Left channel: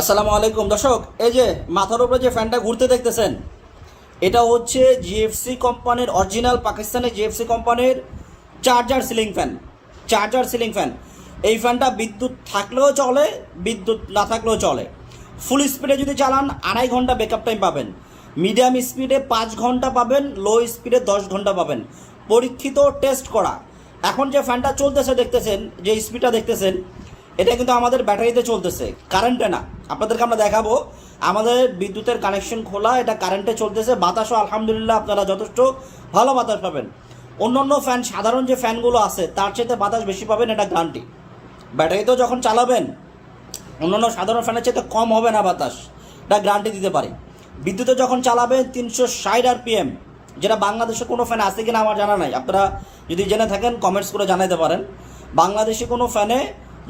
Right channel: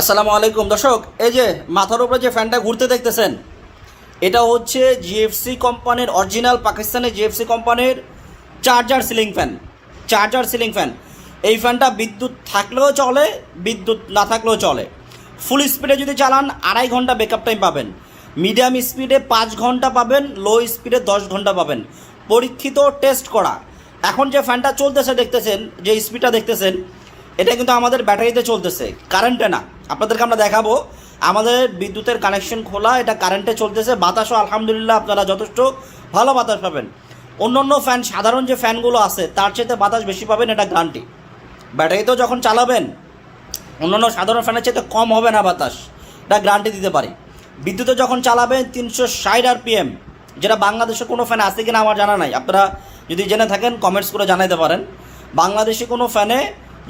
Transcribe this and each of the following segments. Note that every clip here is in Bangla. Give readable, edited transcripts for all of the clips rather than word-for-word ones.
আসসালামু আলাইকুম দর্শক, এই যে মাথার উপরে যে ফ্যানটা ঘুরতে দেখতেছেন, এটা হচ্ছে জিএফসি কোম্পানির অরিজিনাল পাকিস্তানি জিএফসি কোম্পানির চার্জার সিলিং ফ্যান। এই ফ্যানটা বিদ্যুৎ থাকলেও চলে, বিদ্যুৎ না থাকলেও চলে। ফুল স্পিডে যদি চালান 2.5 ঘন্টা ব্যাকআপ টাইম পাবেন, মিডিয়াম স্পিডে 5 ঘন্টা পাবেন, লো স্পিডে 10 ঘন্টা পাবেন। পরীক্ষিত, টেস্ট করা। এখন যে ফ্যানটা চলতেছে দেখতেছেন, যে স্পিডটা দেখতেছেন, এটা কিন্তু আমাদের ব্যাটারিতে চলতেছে, কারেন্টে না। আপনাদেরকে আমরা দেখাবো, আমাদের বিদ্যুতের কানেকশন খোলা, এটা কারেন্টে চলতেছে। বাতাসও আলহামদুলিল্লাহ আপনারা যথেষ্ট ভালো বাতাস পাবেন। অন্য ফ্যান, সাধারণ যে ফ্যানগুলো আছে তার চাইতে বাতাস বেশি পাবেন, এটা গ্যারান্টি। ব্যাটারিতেও যখন চালাবেন অন্যান্য সাধারণ ফ্যানের চাইতে কম হবে না বাতাস, এটা গ্যারান্টি দিতে পারি। বিদ্যুতে যখন চালাবেন 360 RPM, যেটা বাংলাদেশে কোনো ফ্যানে আছে কিনা আমার জানা নাই। আপনারা যদি জেনে থাকেন কমেন্টস করে জানাতে পারেন। বাংলাদেশে কোনো ফ্যানে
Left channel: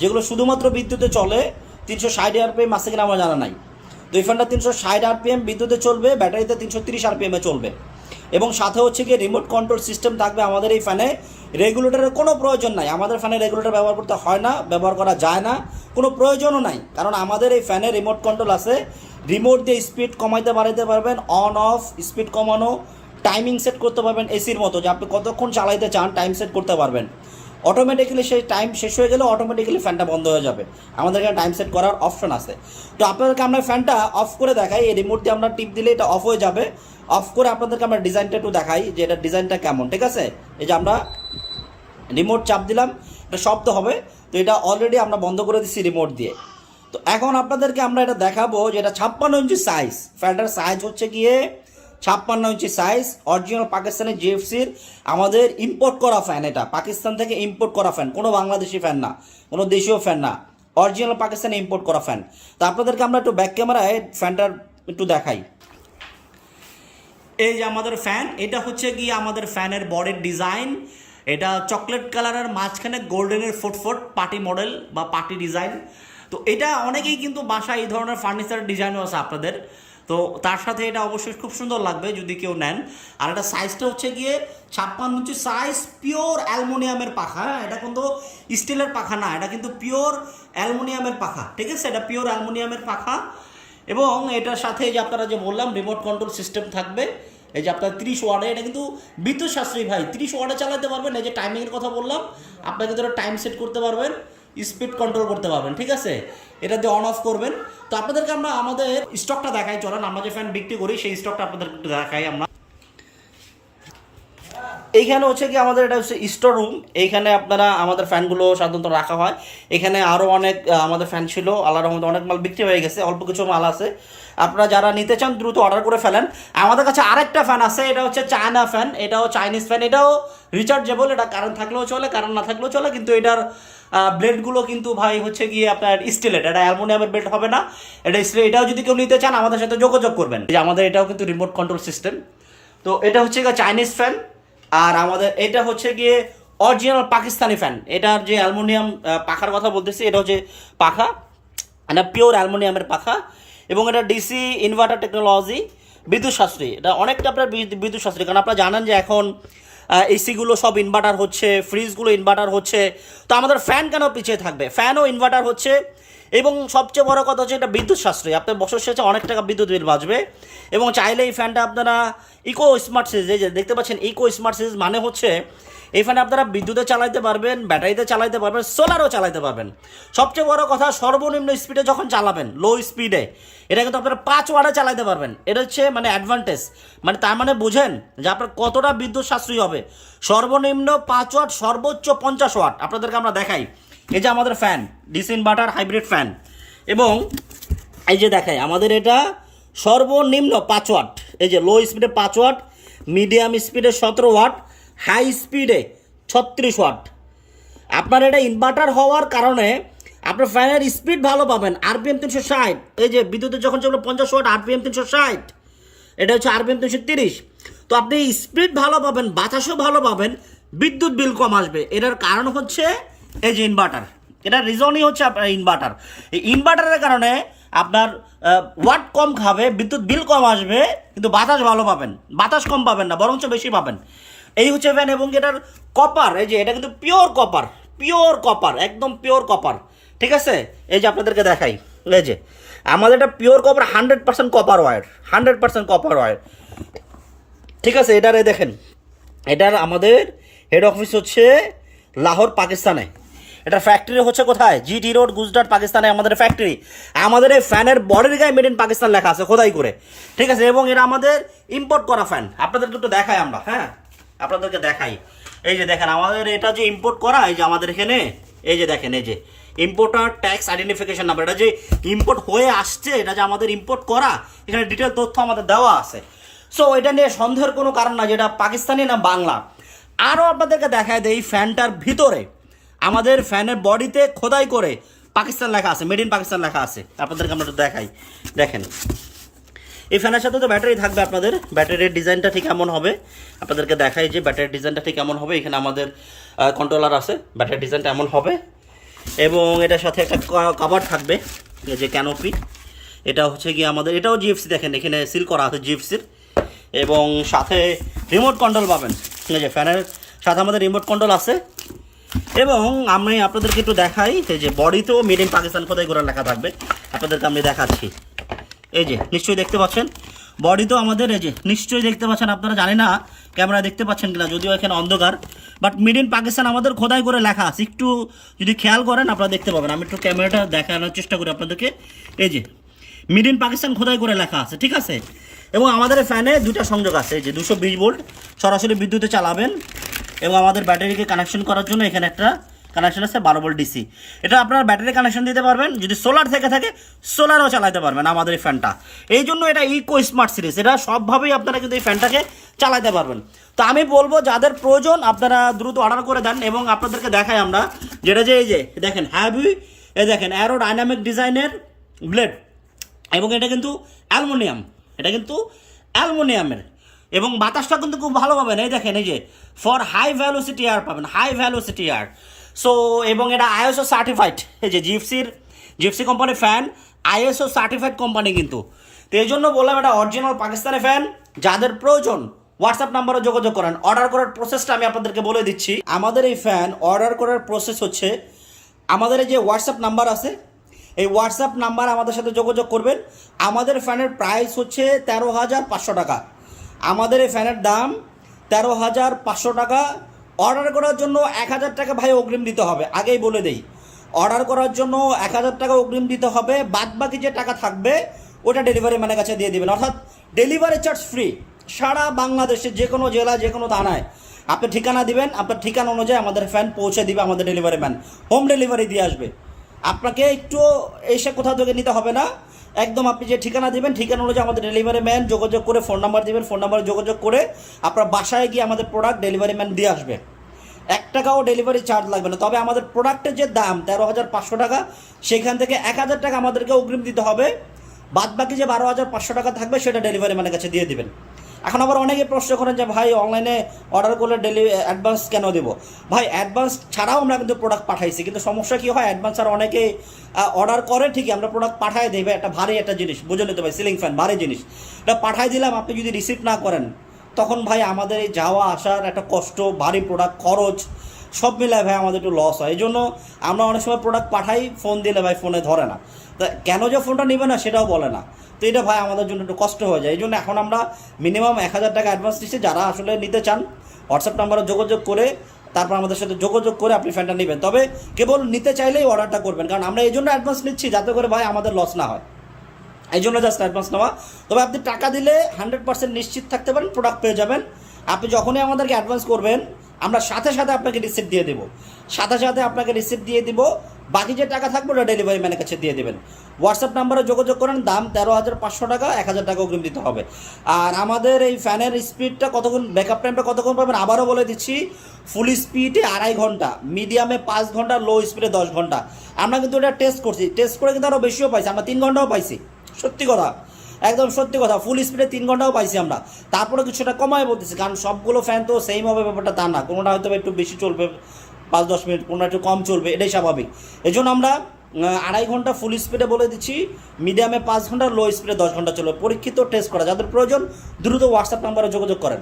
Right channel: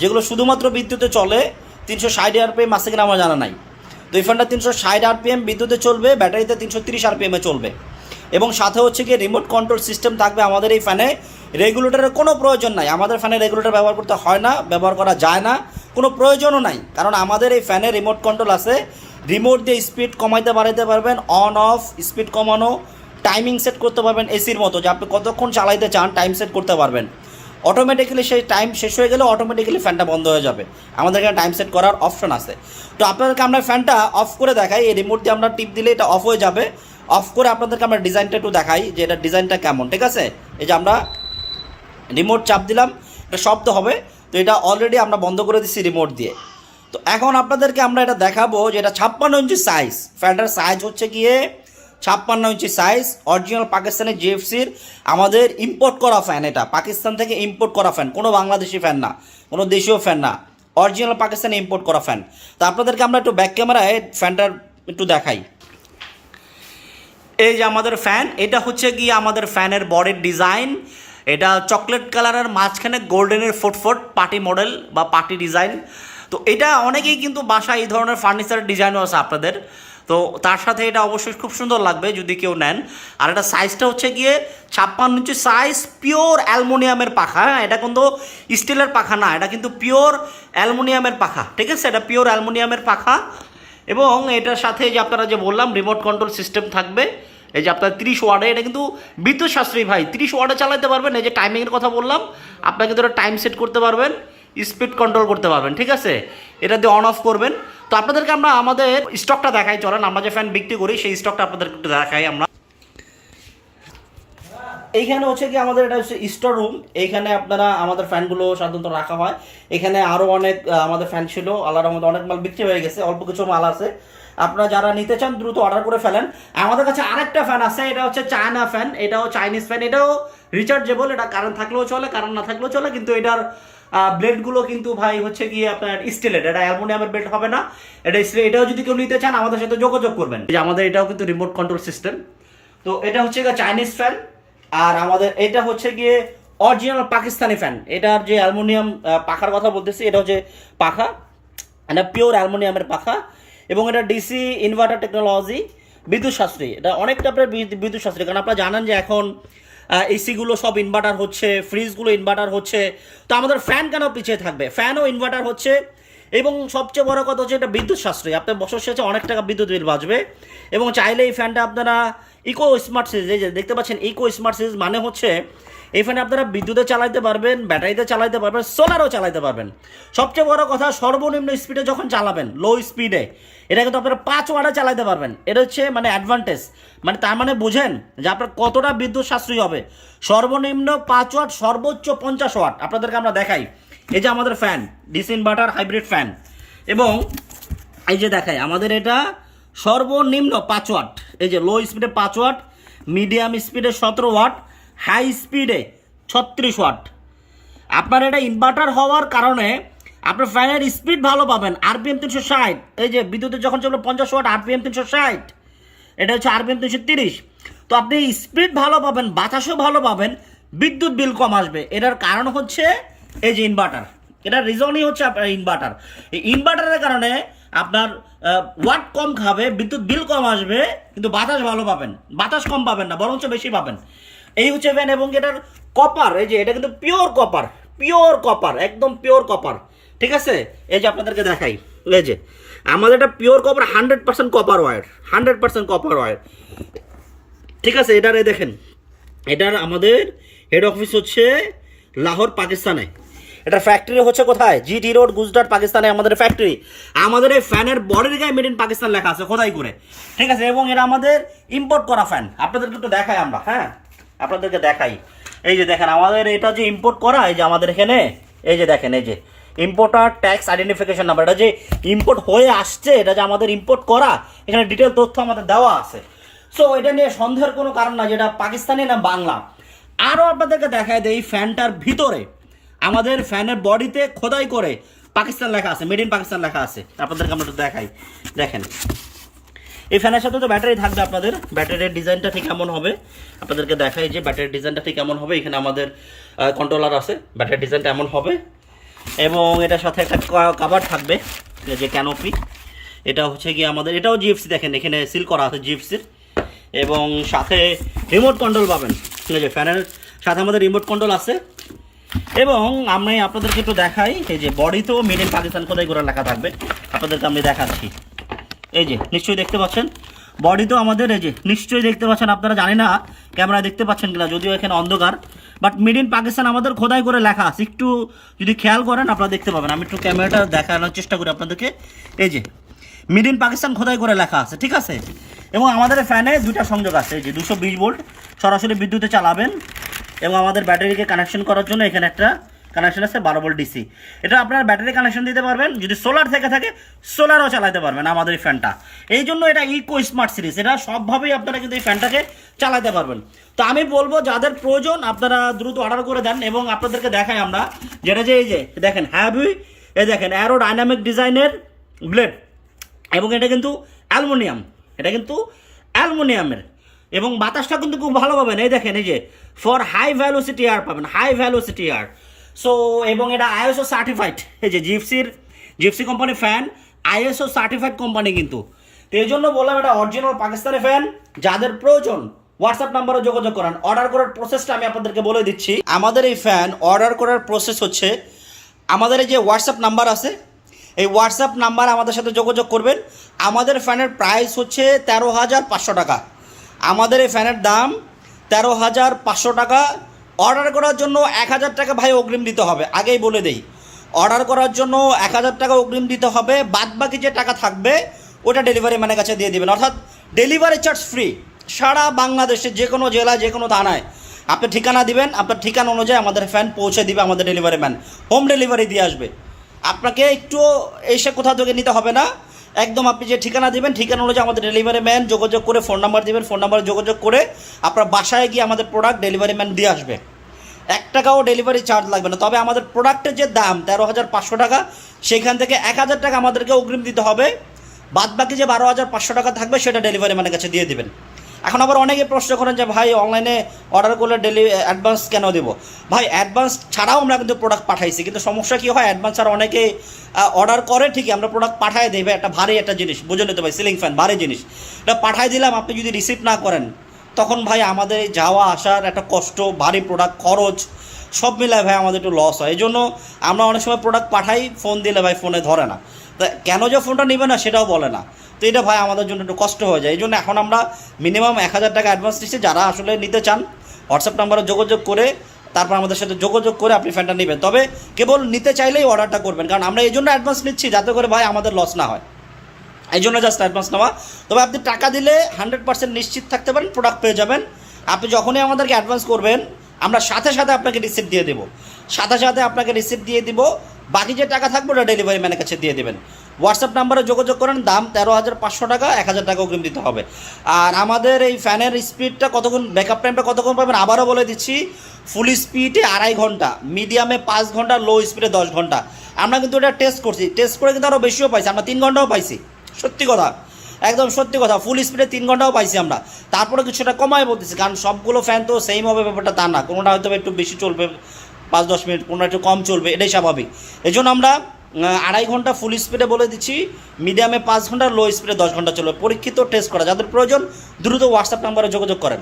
যেগুলো শুধুমাত্র বিদ্যুতে চলে 360 RPM আছে কিনা আমার জানা নাই। তো এই ফ্যানটা 360 RPM বিদ্যুতে চলবে, ব্যাটারিতে 330 RPM চলবে। এবং সাথে হচ্ছে গিয়ে রিমোট কন্ট্রোল সিস্টেম থাকবে। আমাদের এই ফ্যানে রেগুলেটরের কোনো প্রয়োজন নাই। আমাদের ফ্যানে রেগুলেটর ব্যবহার করতে হয় না, ব্যবহার করা যায় না, কোনো প্রয়োজনও নাই। কারণ আমাদের এই ফ্যানে রিমোট কন্ট্রোল আছে। রিমোট দিয়ে স্পিড কমাইতে বাড়াইতে পারবেন, অন অফ, স্পিড কমানো, টাইমিং সেট করতে পারবেন। এসির মতো যে আপনি কতক্ষণ চালাইতে চান টাইম সেট করতে পারবেন। অটোমেটিক্যালি সেই টাইম শেষ হয়ে গেলে অটোমেটিক্যালি ফ্যানটা বন্ধ হয়ে যাবে। আমাদের এখানে টাইম সেট করার অপশন আছে। তো আপনাদেরকে আমরা ফ্যানটা অফ করে দেখাই। এই রিমোট দিয়ে আমরা টিপ দিলে এটা অফ হয়ে যাবে। অফ করে আপনাদেরকে আমরা ডিজাইনটা একটু দেখাই যে এটা ডিজাইনটা কেমন, ঠিক আছে? এই যে আমরা রিমোট চাপ দিলাম, এটা শব্দ হবে। তো এটা অলরেডি আমরা বন্ধ করে দিচ্ছি রিমোট দিয়ে। তো এখন আপনাদেরকে আমরা এটা দেখাবো যে এটা 56 ইঞ্চি সাইজ। ফ্যানটার সাইজ হচ্ছে গিয়ে 56 ইঞ্চি সাইজ, অরিজিনাল পাকিস্তানি জিএফসির আমাদের ইম্পোর্ট করা ফ্যান। এটা পাকিস্তান থেকে ইম্পোর্ট করা ফ্যান, কোনো বাংলাদেশি ফ্যান না, কোনো দেশীয় ফ্যান না, অরিজিনাল পাকিস্তানি ইম্পোর্ট করা ফ্যান। তো আপনাদেরকে আমরা একটু ব্যাক ক্যামেরায় ফ্যানটার একটু দেখাই। এই যে আমাদের ফ্যান, এটা হচ্ছে গিয়ে আমাদের ফ্যানের বডির ডিজাইন। এটা চকলেট কালারের মাঝখানে গোল্ডেনের ফুটফুট পার্টি মডেল বা পার্টি ডিজাইন। তো এটা অনেকেই কিন্তু বাসায় এই ধরনের ফার্নিচার ডিজাইনও আছে আপনাদের। তো তার সাথে এটা অবশ্যই খুব সুন্দর লাগবে যদি কেউ নেন। আর এটা সাইজটা হচ্ছে গিয়ে 56 ইঞ্চি সাইজ, পিওর অ্যালুমিনিয়ামের পাখা। এটা কিন্তু স্টিলের পাখা না, এটা কিন্তু পিওর অ্যালুমিনিয়ামের পাখা, ঠিক আছে? এটা পিওর অ্যালুমিনিয়ামের পাখা। এবং এটার সাথে যে আপনারা যে বললাম রিমোট কন্ট্রোল সিস্টেম থাকবে। এই যে আপনার 30 ওয়াটে, এটা কিন্তু বিদ্যুৎ সাশ্রয়ী ভাই, 30 ওয়াটে চালাতে পারবেন। এই যে টাইমিংয়ের কথা বললাম, আপনাকে কিন্তু টাইম সেট করতে পারবেন, স্পিড কন্ট্রোল করতে পারবেন, ঠিক আছে? এটা দিয়ে অন অফ করবেন। তো আপনাদেরকে আমরা আমাদের স্টকটা দেখাই, চলেন আমরা যে ফ্যান বিক্রি করি সেই স্টকটা আপনাদেরকে একটু দেখাই। আমরা এইখানে হচ্ছে কি আমাদের এটা হচ্ছে স্টোর রুম। এইখানে আপনারা আমাদের ফ্যানগুলো সাধারণত রাখা হয়। এখানে আরও অনেক আমাদের ফ্যান ছিল, আল্লাহর রহমতে অনেক মাল বিক্রি হয়ে গেছে, অল্প কিছু মাল আছে। আপনারা যারা নিতে চান দ্রুত অর্ডার করে ফেলেন। আমাদের কাছে আরেকটা ফ্যান আছে, এটা হচ্ছে চায়না ফ্যান, এটাও চাইনিজ ফ্যান। এটাও রিচার্জেবল, এটা কারেন্ট থাকলেও চলে, কারেন্ট না থাকলেও চলে। কিন্তু এটার ব্লেডগুলো কিন্তু ভাই হচ্ছে গিয়ে আপনার স্টিলের, এটা অ্যালুমিনিয়ামের ব্লেড হবে না, এটা স্টিল। এটাও যদি কেউ নিতে চান আমাদের সাথে যোগাযোগ করবেন। যে আমাদের এটাও কিন্তু রিমোট কন্ট্রোল সিস্টেম। তো এটা হচ্ছে চাইনিজ ফ্যান। আর আমাদের এটা হচ্ছে গিয়ে অরিজিনাল পাকিস্তানি ফ্যান। এটার যে অ্যালুমিনিয়াম পাখার কথা বলতেছি, এটা হচ্ছে পাখা, এটা পিওর অ্যালুমিনিয়ামের পাখা। এবং এটা ডিসি ইনভার্টার টেকনোলজি, বিদ্যুৎ সাশ্রয়ী। এটা অনেকটা আপনার বিদ্যুৎ সাশ্রয়ী, কারণ আপনারা জানেন যে এখন এসিগুলো সব ইনভার্টার হচ্ছে, ফ্রিজগুলো ইনভার্টার হচ্ছে। তো আমাদের ফ্যান কেন পিছিয়ে থাকবে? ফ্যানও ইনভার্টার হচ্ছে। এবং সবচেয়ে বড় কথা হচ্ছে এটা বিদ্যুৎ সাশ্রয়ী, আপনার বছর শেষে অনেক টাকা বিদ্যুৎ বিল বাঁচবে। এবং চাইলে এই ফ্যানটা আপনারা ইকো স্মার্ট সিরিজ, এই যে দেখতে পাচ্ছেন ইকো স্মার্ট সিরিজ, মানে হচ্ছে এই ফ্যানে আপনারা বিদ্যুতে চালাইতে পারবেন, ব্যাটারিতে চালাইতে পারবেন, সোলারও চালাইতে পারবেন। সবচেয়ে বড় কথা, সর্বনিম্ন স্পিডে যখন চালাবেন, লো স্পিডে, এটা কিন্তু আপনারা 5 ওয়াটে চালাইতে পারবেন। এটা হচ্ছে মানে অ্যাডভান্টেজ। মানে তার মানে বোঝেন যে আপনার কতটা বিদ্যুৎ সাশ্রয়ী হবে। সর্বনিম্ন 5 ওয়াট, সর্বোচ্চ 50 ওয়াট। আপনাদেরকে আমরা দেখাই। এই যে আমাদের fan, DC inverter hybrid fan. এবং এই যে দেখাই আমাদের এটা সর্বনিম্ন 5 ওয়াট। এই যে লো স্পিডে 5 ওয়াট, মিডিয়াম স্পিডে 17 ওয়াট, হাই স্পিডে 36 ওয়াট। আপনার এটা ইনভার্টার হওয়ার কারণে আপনার ফ্যানের স্পিড ভালো পাবেন। আরপিএম 360, এই যে বিদ্যুতের যখন চলবে 50 ওয়াট, আরপিএম 360, এটা হচ্ছে আরপিএম 330। তো আপনি স্পিড ভালো পাবেন, বাতাসও ভালো পাবেন, বিদ্যুৎ বিল কম আসবে। এটার কারণ হচ্ছে এই যে ইনভার্টার। এটার রিজনই হচ্ছে আপনার ইনভার্টার। এই ইনভার্টারের কারণে আপনার ওয়াট কম খাবে, বিদ্যুৎ বিল কম আসবে, কিন্তু বাতাস ভালো পাবেন। বাতাস কম পাবেন না, বরঞ্চ বেশি পাবেন। এই হচ্ছে ফ্যান। এবং এটার কপার, এই যে এটা কিন্তু পিওর কপার, একদম পিওর কপার, ঠিক আছে? এই যে আপনাদেরকে দেখাই, এই যে আমাদের এটা pure copper 100% copper wire, 100% copper wire. ঠিক আছে, এটারে দেখেন, এটার আমাদের হেড অফিস হচ্ছে লাহোর পাকিস্তানে, এটার ফ্যাক্টরি হচ্ছে কোথায়, জিটি রোড গুজরাট পাকিস্তানে আমাদের ফ্যাক্টরি। আমাদের এই ফ্যানের বডির গায়ে মেড ইন পাকিস্তান লেখা আছে খোদাই করে, ঠিক আছে। এবং এটা আমাদের ইম্পোর্ট করা ফ্যান, আপনাদেরকে একটু দেখাই আমরা, হ্যাঁ আপনাদেরকে দেখাই। এই যে দেখেন আমাদের এটা যে ইম্পোর্ট করা, এই যে আমাদের এখানে এই যে দেখেন, এই যে ইম্পোর্টার ট্যাক্স আইডেন্টিফিকেশন নাম্বার, এটা যে ইম্পোর্ট হয়ে আসছে, এটা যে আমাদের ইম্পোর্ট করা, এখানে ডিটেল তথ্য আমাদের দেওয়া আছে। সো এটা নিয়ে সন্দেহের কোনো কারণ না যেটা পাকিস্তানি না বাংলা। আরও আপনাদেরকে দেখায় দেয়, এই ফ্যানটার ভিতরে আমাদের ফ্যানের বডিতে খোদাই করে পাকিস্তান লেখা আছে, মেড ইন পাকিস্তান লেখা আছে। আপনাদেরকে আমরা একটু দেখাই, দেখেন এই ফ্যানের সাথে তো ব্যাটারি থাকবে, আপনাদের ব্যাটারির ডিজাইনটা ঠিক এমন হবে, আপনাদেরকে দেখাই যে ব্যাটারির ডিজাইনটা ঠিক এমন হবে। এখানে আমাদের কন্ট্রোলার আছে, ব্যাটারির ডিজাইনটা এমন হবে। এবং এটার সাথে একটা কভার থাকবে, যে ক্যানোপি, এটা হচ্ছে গিয়ে আমাদের, এটাও জিএফসি, দেখেন এখানে সিল করা আছে জিএফসির। এবং সাথে রিমোট কন্ট্রোল পাবেন, ঠিক আছে, ফ্যানের সাথে আমাদের রিমোট কন্ট্রোল আছে। এবং আমি আপনাদেরকে একটু দেখাই, এই যে বডিতেও মেড ইন পাকিস্তান খোদাই করে লেখা থাকবে, আপনাদেরকে আমি দেখাচ্ছি। এই যে নিশ্চয়ই দেখতে পাচ্ছেন বডিতেও আমাদের, এই যে নিশ্চয়ই দেখতে পাচ্ছেন, আপনারা জানি না ক্যামেরায় দেখতে পাচ্ছেন কিনা, যদিও এখানে অন্ধকার, বাট মেড ইন পাকিস্তান আমাদের খোদাই করে লেখা আছে। একটু যদি খেয়াল করেন আপনারা দেখতে পাবেন, আমি একটু ক্যামেরাটা দেখানোর চেষ্টা করি আপনাদেরকে। এই যে মেড ইন পাকিস্তান খোদাই করে লেখা আছে, ঠিক আছে। এবং আমাদের ফ্যানে দুটা সংযোগ আছে, এই যে 220 ভোল্ট সরাসরি বিদ্যুতে চালাবেন। এবং আমাদের ব্যাটারিকে কানেকশন করার জন্য এখানে একটা কানেকশন আছে 12 ভোল্ট ডিসি। এটা আপনারা ব্যাটারি কানেকশন দিতে পারবেন, যদি সোলার থেকে থাকে সোলারও চালাতে পারবেন আমাদের এই ফ্যানটা। এই জন্য এটা ইকো স্মার্ট সিরিজ, এটা সবভাবেই আপনারা কিন্তু এই ফ্যানটাকে চালাতে পারবেন। তো আমি বলবো যাদের প্রয়োজন আপনারা দ্রুত অর্ডার করে দেন। এবং আপনাদেরকে দেখাই আমরা যেটা, যে এই যে দেখেন হ্যাভি, এই দেখেন অ্যারো ডাইনামিক ডিজাইনের ব্লেড, এবং এটা কিন্তু অ্যালুমিনিয়াম, এটা কিন্তু অ্যালুমিনিয়ামের। এবং বাতাসটা কিন্তু খুব ভালো পাবেন, এই দেখেন এই যে ফর হাই ভ্যালোসিটি এয়ার পাবেন, হাই ভ্যালোসিটি এয়ার। সো এবং এটা আইএসও সার্টিফাইড, এই যে জিপসি কোম্পানির ফ্যান, আইএসও সার্টিফাইড কোম্পানি কিন্তু। তো এই জন্য বললাম এটা অরিজিনাল পাকিস্তানি ফ্যান। যাদের প্রয়োজন হোয়াটসঅ্যাপ নাম্বারে যোগাযোগ করেন। অর্ডার করার প্রসেসটা আমি আপনাদেরকে বলে দিচ্ছি। আমাদের এই ফ্যান অর্ডার করার প্রসেস হচ্ছে, আমাদের এই যে হোয়াটসঅ্যাপ নাম্বার আছে, এই হোয়াটসঅ্যাপ নাম্বার আমাদের সাথে যোগাযোগ করবেন। আমাদের ফ্যানের প্রাইস হচ্ছে 13,500 টাকা। আমাদের এই ফ্যানের দাম 13,500 টাকা। অর্ডার করার জন্য 1,000 টাকা ভাই অগ্রিম দিতে হবে, আগেই বলে দেই। অর্ডার করার জন্য 1,000 টাকা অগ্রিম দিতে হবে, বাদ বাকি যে টাকা থাকবে ওটা ডেলিভারি ম্যানের কাছে দিয়ে দেবেন। অর্থাৎ ডেলিভারি চার্জ ফ্রি, সারা বাংলাদেশে যে কোনো জেলায় যে কোনো থানায় আপনি ঠিকানা দিবেন, আপনার ঠিকানা অনুযায়ী আমাদের ফ্যান পৌঁছে দিবে আমাদের ডেলিভারি ম্যান, হোম ডেলিভারি দিয়ে আসবে। আপনাকে একটু এসে কোথাও থেকে নিতে হবে না, একদম আপনি যে ঠিকানা দিবেন ঠিকানা অনুযায়ী আমাদের ডেলিভারি ম্যান যোগাযোগ করে, ফোন নাম্বার দিবেন, ফোন নাম্বারে যোগাযোগ করে আপনার বাসায় গিয়ে আমাদের প্রোডাক্ট ডেলিভারি ম্যান দিয়ে আসবে। 1 টাকাও ডেলিভারি চার্জ লাগবে না। তবে আমাদের প্রোডাক্টের যে দাম 13,500 টাকা, সেখান থেকে 1,000 টাকা আমাদেরকে অগ্রিম দিতে হবে, বাদ বাকি যে 12,500 টাকা থাকবে সেটা ডেলিভারি ম্যানের কাছে দিয়ে দিবেন। এখন আবার অনেকে প্রশ্ন করেন যে ভাই অনলাইনে অর্ডার করলে অ্যাডভান্স কেন দেবো? ভাই অ্যাডভান্স ছাড়াও আমরা কিন্তু প্রোডাক্ট পাঠাইছি, কিন্তু সমস্যা কী হয়, অ্যাডভান্স ছাড়া অনেকে অর্ডার করে, ঠিকই আমরা প্রোডাক্ট পাঠাই দেবে, একটা ভারী একটা জিনিস, বুঝে নিতে ভাই, সিলিং ফ্যান ভারী জিনিস, এটা পাঠাই দিলাম, আপনি যদি রিসিভ না করেন তখন ভাই আমাদের এই যাওয়া আসার একটা কষ্ট, ভারী প্রোডাক্ট, খরচ সব মিলায় ভাই আমাদের একটু লস হয়। এই জন্য আমরা অনেক সময় প্রোডাক্ট পাঠাই, ফোন দিলে ভাই ফোনে ধরে না, তা কেন যে ফোনটা নেবে না সেটাও বলে না। তো এটা ভাই আমাদের জন্য একটু কষ্ট হয়ে যায়। এই জন্য এখন আমরা মিনিমাম 1,000 টাকা অ্যাডভান্স দিচ্ছি। যারা আসলে নিতে চান হোয়াটসঅ্যাপ নাম্বারে যোগাযোগ করে তারপর আমাদের সাথে যোগাযোগ করে আপনি ফ্যানটা নেবেন। তবে কেবল নিতে চাইলেই অর্ডারটা করবেন, কারণ আমরা এই জন্য অ্যাডভান্স নিচ্ছি যাতে করে ভাই আমাদের লস না হয়, এই জন্য জাস্ট অ্যাডভান্স নেওয়া। তবে আপনি টাকা দিলে 100% নিশ্চিত থাকতে পারেন প্রোডাক্ট পেয়ে যাবেন। আপনি যখনই আমাদেরকে অ্যাডভান্স করবেন আমরা সাথে সাথে আপনাকে রিসিপ্ট দিয়ে দেবো, সাথে সাথে আপনাকে রিসিপ্ট দিয়ে দিব, বাকি যে টাকা থাকবে ওটা ডেলিভারি ম্যানের কাছে দিয়ে দেবেন। হোয়াটসঅ্যাপ নাম্বারে যোগাযোগ করেন, দাম 13,500 টাকা, 1,000 টাকা অগ্রিম দিতে হবে। আর আমাদের এই ফ্যানের স্পিডটা কতক্ষণ, ব্যাকআপ টাইমটা কতক্ষণ পাবেন আবারও বলে দিচ্ছি। ফুল স্পিডে 2.5 ঘন্টা, মিডিয়ামে 5 ঘন্টা, লো স্পিডে 10 ঘন্টা। আমরা কিন্তু এটা টেস্ট করছি, টেস্ট করে কিন্তু আরও বেশিও পাইছি, আমরা 3 ঘন্টাও পাইছি, সত্যি কথা, একদম সত্যি কথা। ফুল স্পিডে 3 ঘন্টাও পাইছি আমরা, তারপরে কিছুটা কমায় বলতেছি, কারণ সবগুলো ফ্যান তো সেম হবে ব্যাপারটা তা না, কোনোটা হয়তো একটু বেশি চলবে 5-10 মিনিট, কোনোটা একটু কম চলবে, এটাই স্বাভাবিক। এই জন্য আমরা 2.5 ঘন্টা ফুল স্পিডে বলে দিচ্ছি, মিডিয়ামে 5 ঘন্টা, লো স্পিডে 10 ঘন্টা চলবে। পরীক্ষিত টেস্ট করা, যাদের প্রয়োজন দ্রুত হোয়াটসঅ্যাপ নাম্বারে যোগাযোগ করেন।